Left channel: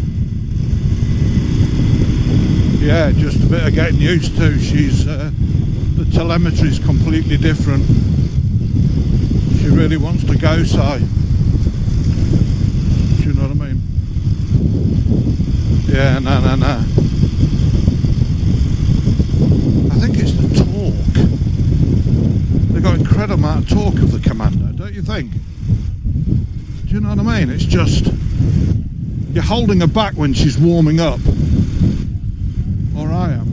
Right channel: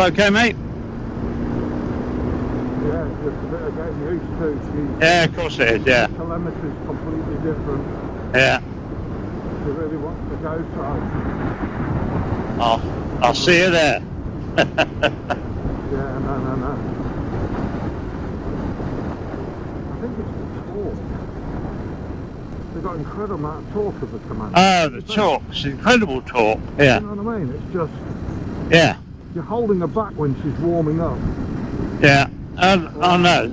All okay, mate? Yeah, just a bit of getting used to. She's Yeah, of course it is, yeah. telemetry's completely different. Yeah. She really wants to go, Si. I'll see you there. Yeah, no. I think it's the torque. They've got incredible amount of torque of the Commando. Oh, the torque. It's incredible torque. Yeah. You know what I mean? It's just... Yeah. You're holding her back when she's warming up. Yeah. I know.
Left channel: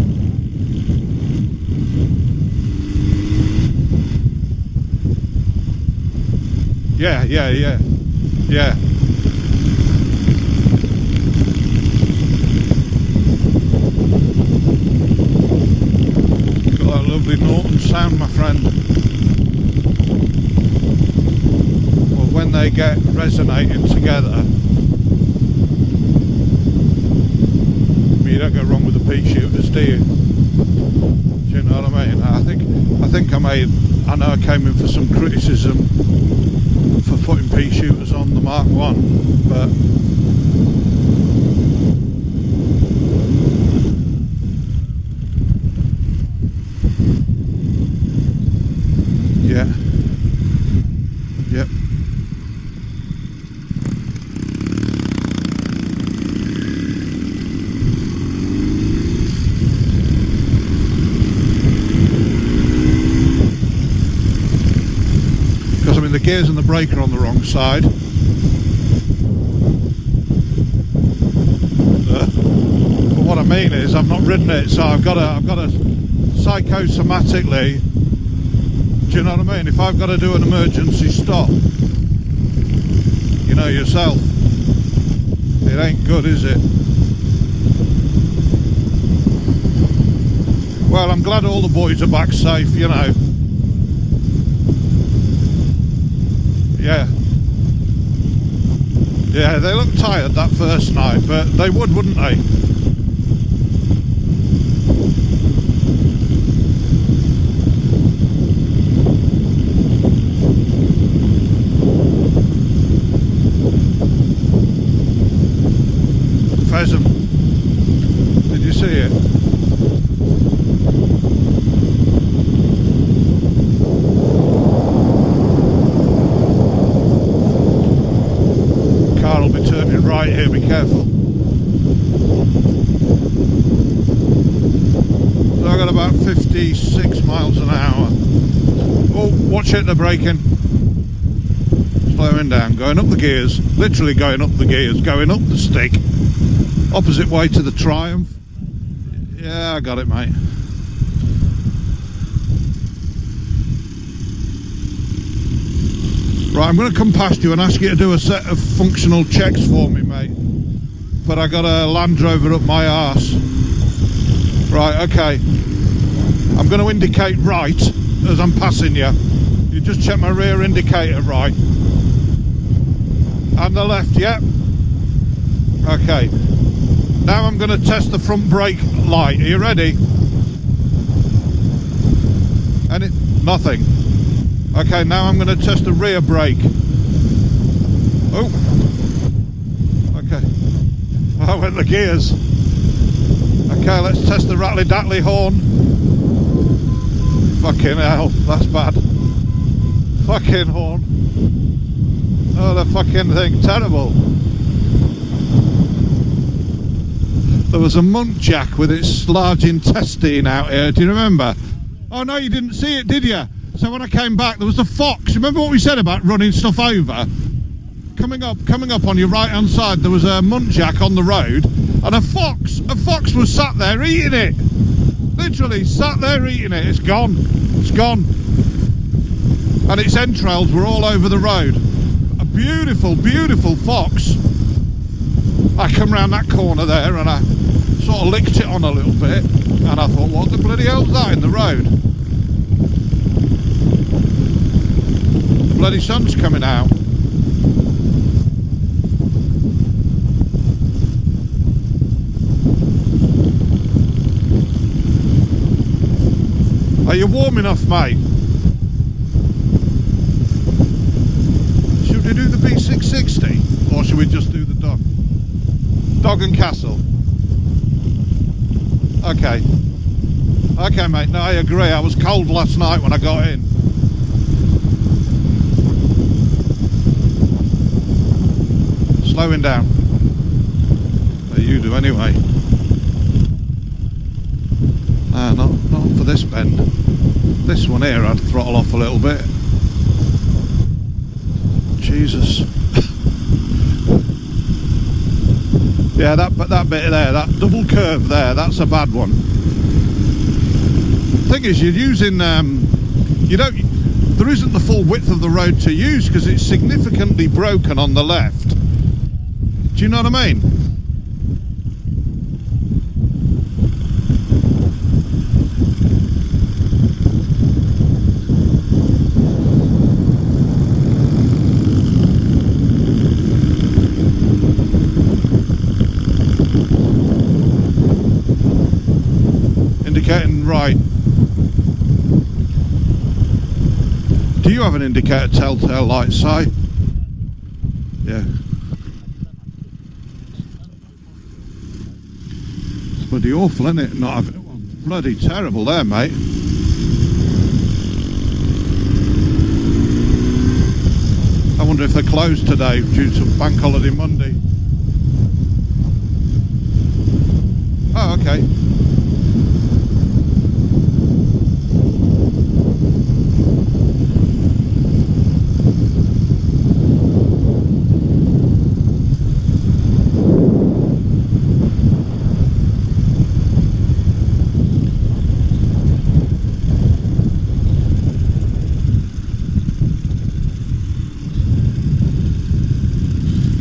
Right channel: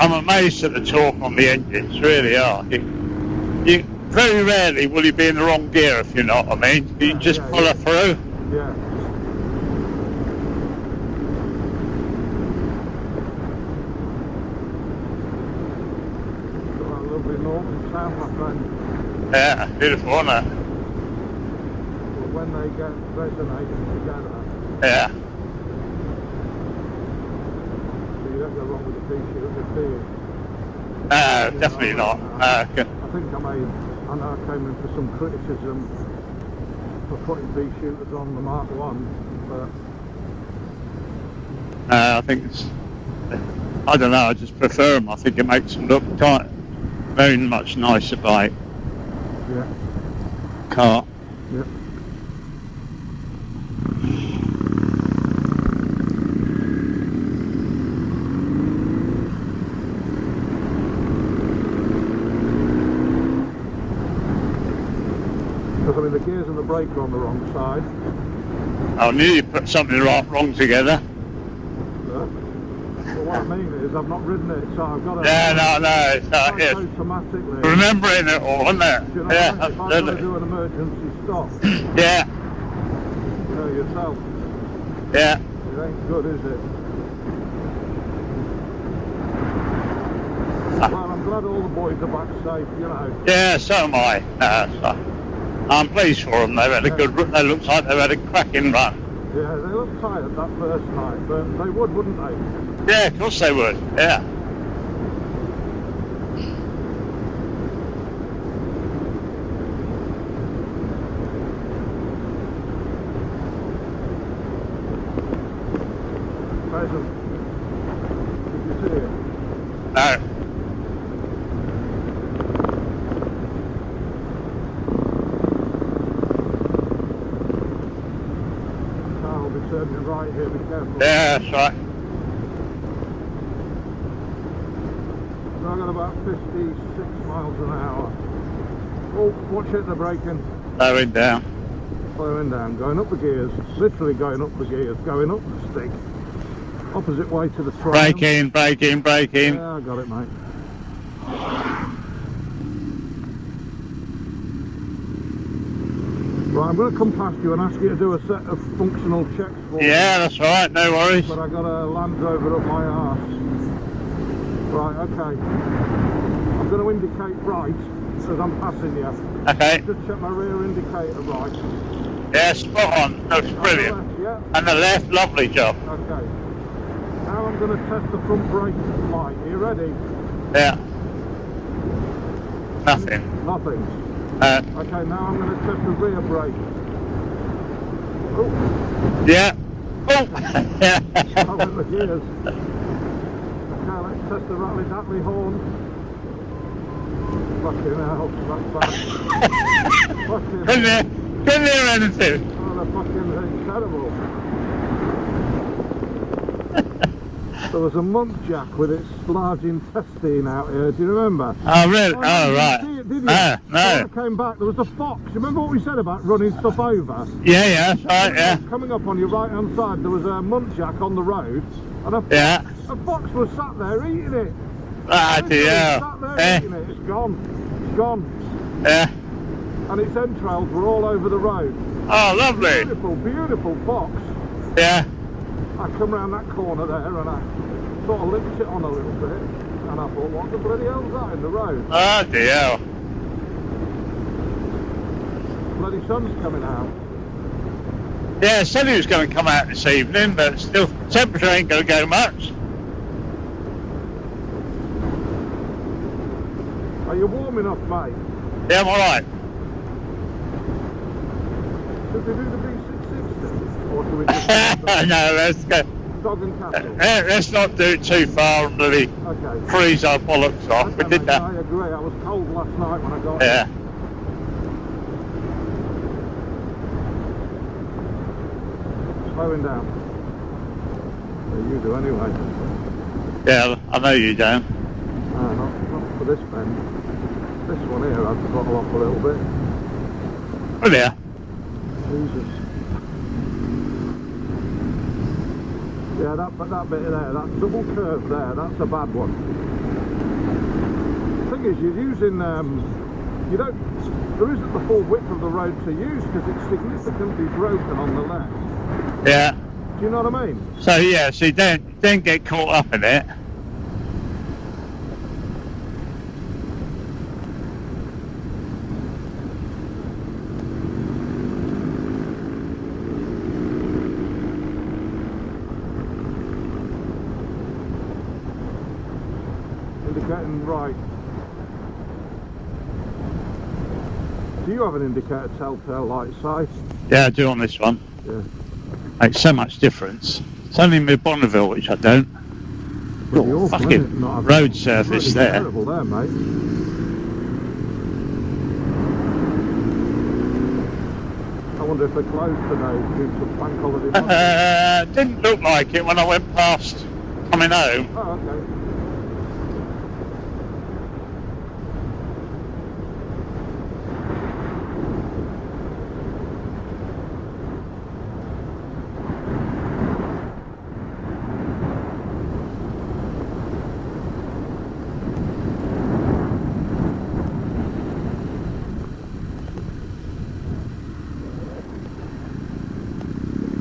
I'm amazed at the torque on the engines, really are. You very rarely will you be in the wrong gear, if you know what I mean. You just pull her through. Yeah. Got that lovely Norton sound, my friend. Yeah, beautiful, isn't it? Well, when they get resonating together. Yeah. You don't go wrong with the pea shooters, do you? No, definitely not. I think I know I came in for some criticism for putting pea shooters on the Mark 1, but... I think it's... I don't know, I just prefer them. I think it makes them look very much nicer bike. Yeah. Car. Yep. The gears and the brake are on the wrong side. I knew you put something wrong together. But what I mean is, I've not ridden it, so I've got to psychosomatically remembering it all, isn't it? Do you know what I mean? If I've got to do an emergency stop, yeah, you know yourself. Yeah, it ain't good, is it? Well, I'm glad all the boys are back safe, you know. Yeah, so am I. I'm pleased for them. They've had a good. They look like they've had a cracking run. Yeah, they look tired that first night, but they would, wouldn't they? Yeah, of course they would. Yeah. Pheasant. Did you see it? No. Right here, be careful. Yeah, that's right. So I got about 56 miles an hour. Oh, watch it, they're braking. Slowing down. Slowing down, going up the gears. Literally going up the gears, going up the stick. Opposite way to the Triumph. Braking. Yeah, I got it, mate. Right, I'm going to come past you and ask you to do a set of functional checks for me. Yeah, that's right, no worries. But I got a Land Rover up my arse. Right, okay. I'm going to indicate right as I'm passing you. Okay. Just check my rear indicator right. Yeah, spot on. That's brilliant. And the left, yeah? And the left, lovely job. Okay. Now I'm going to test the front brake light. Are you ready? Yeah. Nothing. Nothing. Okay, now I'm going to test the rear brake. Oh. Yeah. Oh. Okay. I went the gears. Okay, let's test the rattly-dattly horn. Fucking hell, that's bad. Fucking hell. Couldn't hear anything. Oh, the fucking thing, terrible. There was a muntjac with its large intestine out here, do you remember? Oh, really? Oh, no, you didn't see it, did you? No. So when I came back, there was a fox. Remember what we said about running stuff over? Yeah, right, coming up on your right-hand side, there was a muntjac on the road, and a fox. Yeah. A fox was sat there eating it. Literally sat there eating it. It's gone. It's gone. Yeah. And its entrails were all over the road. Oh, lovely. Beautiful, beautiful fox. Yeah. I come round that corner there and I sort of licked it on a little bit, and I thought, what the bloody hell's that in the road? Oh dear. Bloody sun's coming out. Yeah, said he was going to come out this evening, but still, temperature ain't going to go much. Are you warm enough, mate? Yeah, I'm alright. Should we do the B660? Or should we just no, let's go. Dog and Castle. Let's not do it too far and really freeze our bollocks off. Okay, mate, I agree. I was cold last night when I got here. Slowing down. You do anyway. Yeah, I know you don't. Not for this bend. This one here I'd throttle off a little bit. Oh yeah. Jesus. Yeah, that bit there, that double curve there, that's a bad one. Thing is, you're using there isn't the full width of the road to use because it's significantly broken on the left. Yeah. Do you know what I mean? So yeah, so you don't get caught up in it. Indicating right. Do you have an indicator telltale light, Si? Yeah, I do on this one. Yeah. Makes so much difference. It's only in Bonneville which I don't. Bloody awful, isn't it? Not a road surface bloody there. Terrible there, mate. I wonder if they're closed today due to bank holiday Monday. Didn't look like it when I went past coming home. Oh, okay.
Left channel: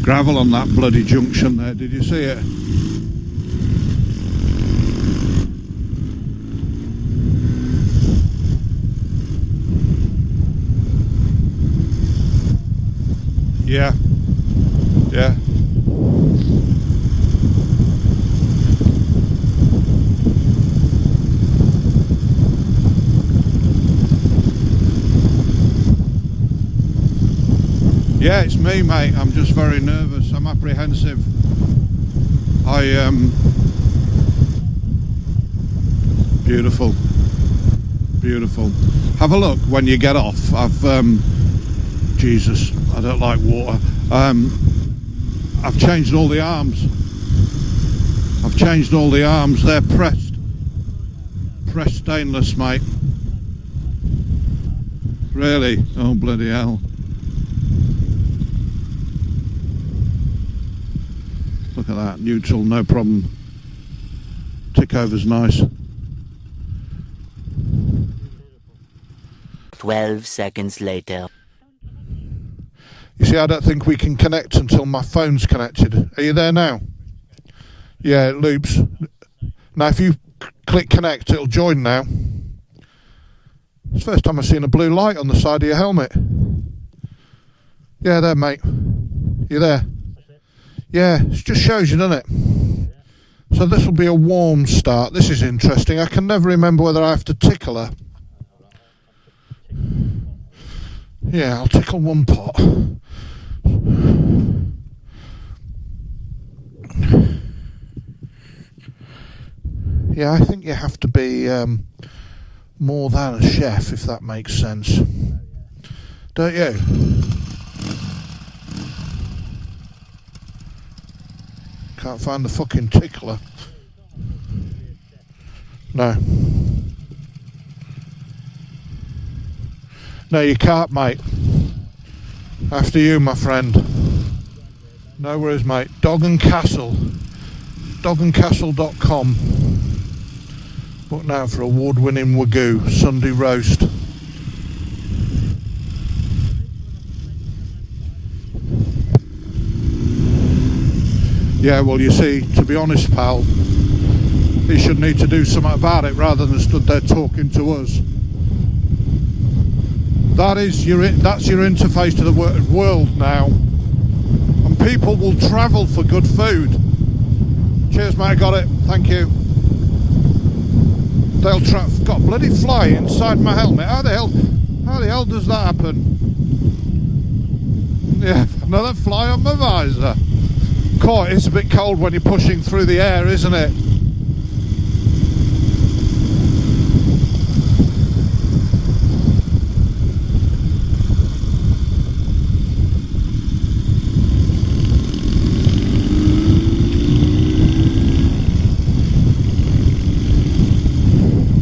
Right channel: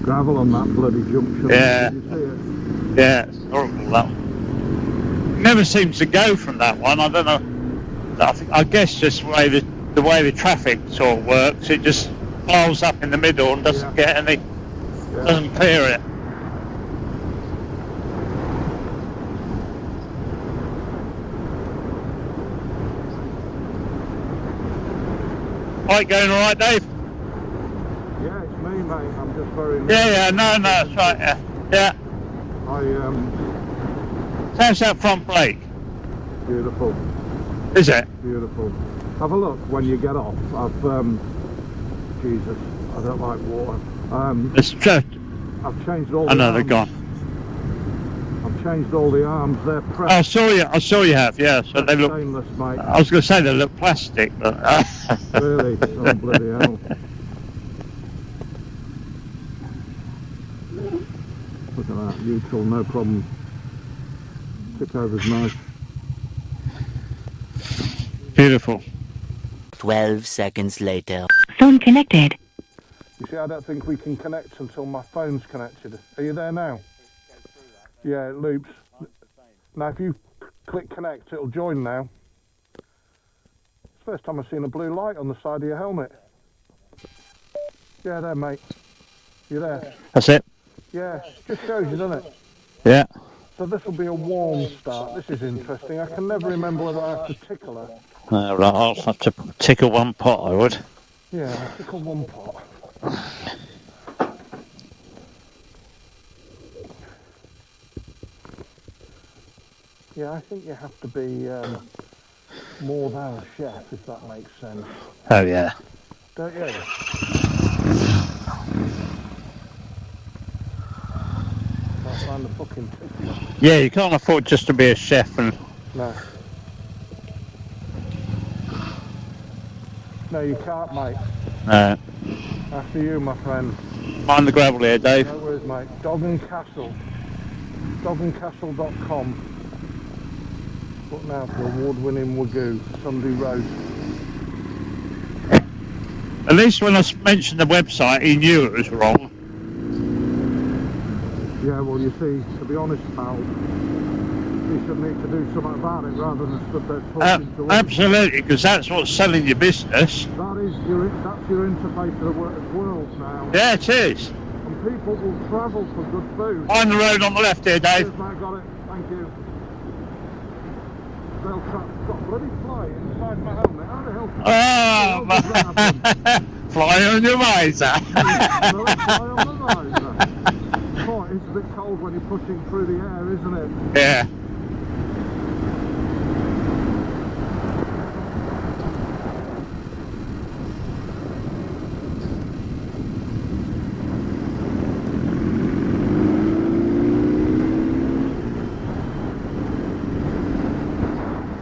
Gravel on that bloody junction. Yeah. Did you see it? Yeah, it's horrible that one. Never seems to go from that one. I don't know. I guess just the way the traffic sort of works, it just piles up in the middle and doesn't get any. Doesn't clear it. Right, going all right, Dave? Yeah, it's me, mate. I'm just very nervous. Yeah, no, it's right, yeah. How's that front brake? Beautiful. Is it? Beautiful. Have a look when you get off. Jesus, I don't like water. I've changed all the arms. They're gone. I've changed all the arms. They're pressed. I saw you have, yeah. So they look stainless, mate. I was going to say they look plastic, but... Really? Oh, bloody hell. Look at that, neutral, no problem. Tick over's nice. Beautiful. 12 seconds later. Phone connected. You see, I don't think we can connect until my phone's connected. Are you there now? Yeah, it loops. Now, if you click connect, it'll join now. It's the first time I've seen a blue light on the side of your helmet. Yeah, there, mate. You there? That's it. Yeah, it just shows you, doesn't it? Yeah. So this will be a warm start. This is interesting. I can never remember whether I have to tickle her. Right, I'll have to tickle one pot, I would. Yeah, I'll tickle one pot. Yeah, I think you have to be more than a chef, if that makes sense. Oh, yeah. Don't you? Can't find the fucking tickler. Yeah, you can't afford just to be a chef and... No. No, you can't, mate. After you, my friend. Mind the gravel here, Dave. No worries, mate. Dog and Castle. dogandcastle.com. Look now for award-winning Wagyu Sunday roast. At least when I mentioned the website, he knew it was wrong. Yeah, well, you see, to be honest, pal, he should need to do something about it rather than stood there talking to us. Absolutely, because that's what's selling your business. That's your interface to the world now. Yeah, it is. And people will travel for good food. Find the road on the left here, Dave. Cheers, mate, I got it. Thank you. They'll got bloody fly inside my helmet. How the hell? Oh, does that happen? Fly on your visor. Yeah, another fly on my visor. Quite, it's a bit cold when you're pushing through the air, isn't it? Yeah.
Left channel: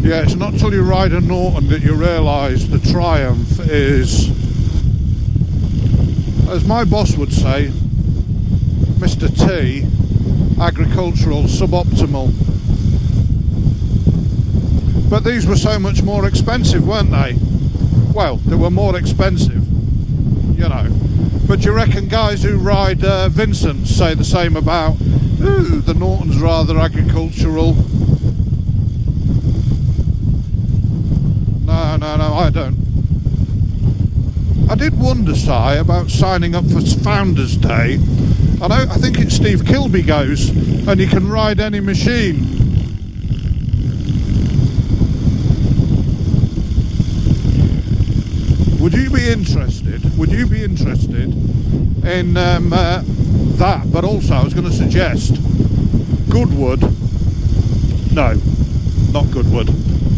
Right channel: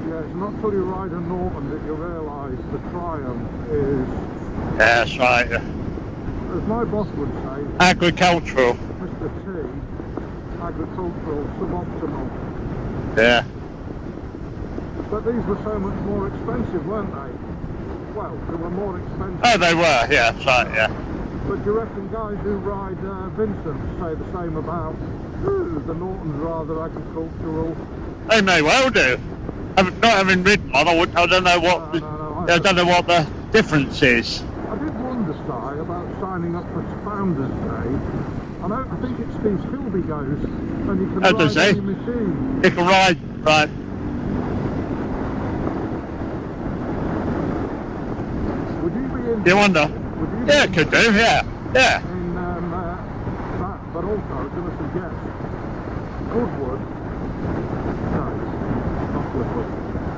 Yeah, it's not till you ride a Norton that you realise the triumph is... Yeah, that's right. As my boss would say... Agricultural. Mr. T, agricultural, suboptimal. Yeah. But these were so much more expensive, weren't they? Well, they were more expensive. Oh, they were, yeah, that's right, yeah. But do you reckon guys who ride Vincent say the same about, ooh, the Norton's rather agricultural? They may well do. Not having ridden one, I don't know what. I don't know what the difference is. I did wonder, Si, about signing up for Founders Day. I think it's Steve Kilby goes, and you can ride any machine. You can ride, right. Would you be interested? You wonder? Would you be interested? Could do, yeah. Yeah. In that, but also I was going to suggest Goodwood. No, not Goodwood.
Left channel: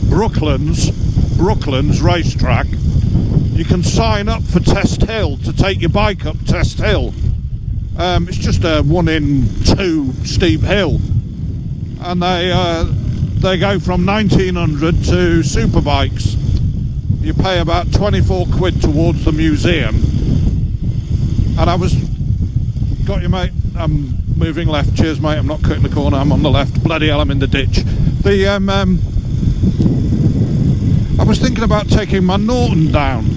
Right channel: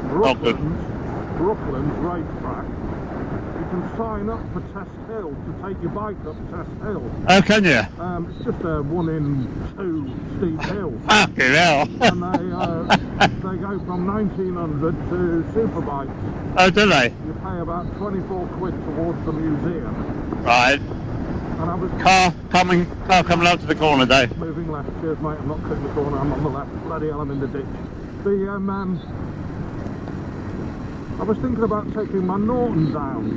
Brooklands racetrack. You can sign up for Test Hill to take your bike up Test Hill. Oh, can you? It's just a 1 in 2 steep hill. Fucking hell. And they go from 1900 to super bikes. Oh, do they? You pay about 24 quid towards the museum. Right. And I was... Car coming out to the corner, Dave. Moving left. Cheers, mate. I'm not cutting the corner. I'm on the left. Bloody hell, I'm in the ditch. I was thinking about taking my Norton down,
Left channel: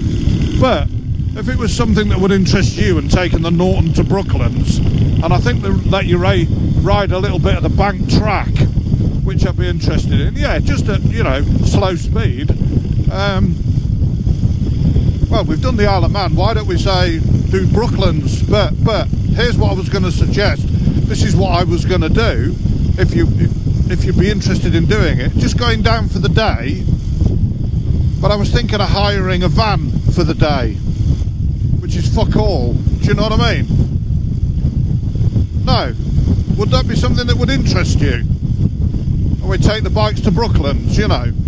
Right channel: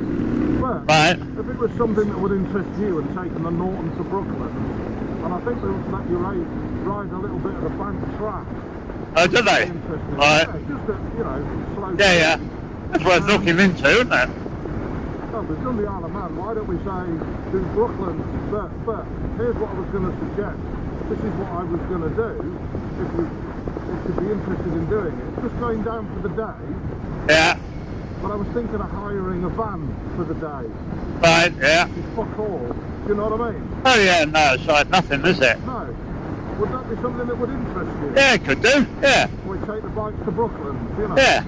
but if it was something that would interest you and taking the Norton to Brooklands, and I think they let you ride a little bit of the bank track, which I'd be interested in. Yeah, just a slow speed. Yeah. That's worth looking into, isn't it? Well, we've done the Isle of Man. Why don't we say do Brooklands? But here's what I was going to suggest. This is what I was going to do if you'd be interested in doing it. Just going down for the day. Yeah. But I was thinking of hiring a van for the day. Right, yeah. Which is fuck all. Do you know what I mean? Oh yeah, no, it's like nothing, is it? No. Would that be something that would interest you? Yeah, it could do, yeah. And we take the bikes to Brooklands, you know? Yeah.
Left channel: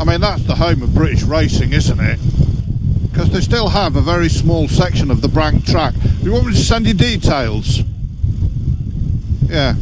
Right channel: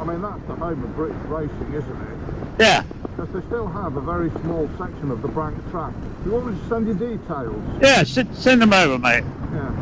I mean, that's the home of British racing, isn't it? Yeah. Because they still have a very small section of the bank track. Do you want me to send you details? Yeah, send them over, mate. Yeah.